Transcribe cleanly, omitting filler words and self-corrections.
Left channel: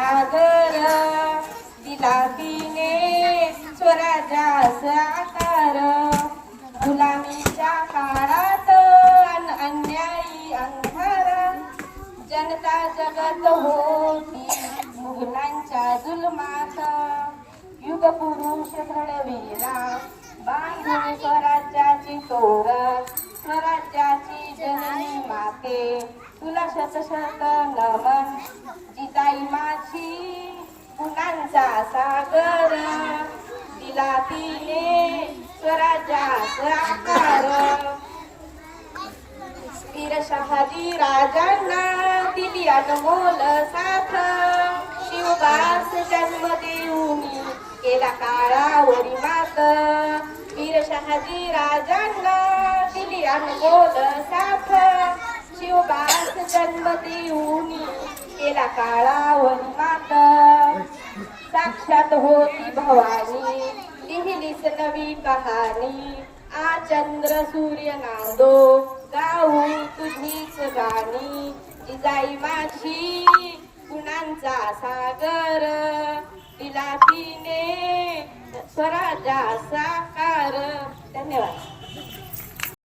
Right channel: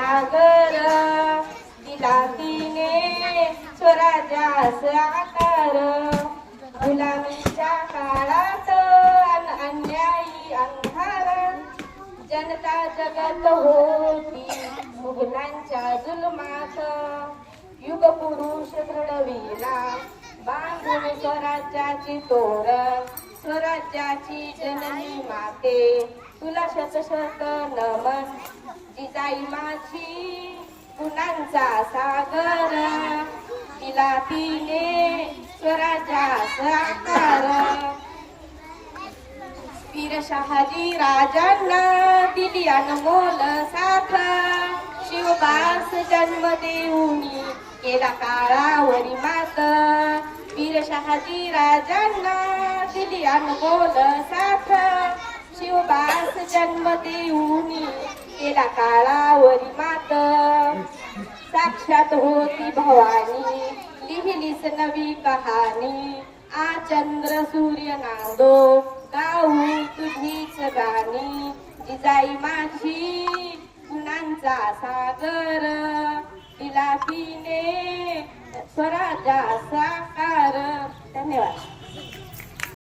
सागर दिला तिने स्वराज्यास आकार गुलामीच्या काळात अन्यायी अंधार जनता जगत होती मुघलांच्या जुलमात युग पुरुष घडविला बांधून स्वराज्याची तोरण स्वराज्याची जननी माते तुला शत शत नमन जिजाई माझी गुणांचा सागर दिला तिने स्वराज्याचा आकार वीर शहाजी राजांना दिली अनमोल साथ शिवबास जन्म देऊन केला काळावरी मात वीर शहाजी राजांना दिली अनमोल साथ शिवबास जन्म देऊन केला काळावरी मात साक्षात होती भवानी लिहिलीस नवी कहाणी आ चंद्र सूर्य नांदो गाऊ तुझीच गाणी जिजाई माझी गुणांचा सागर दिला तिने स्वराज्याचा साकार. धन्यवाद.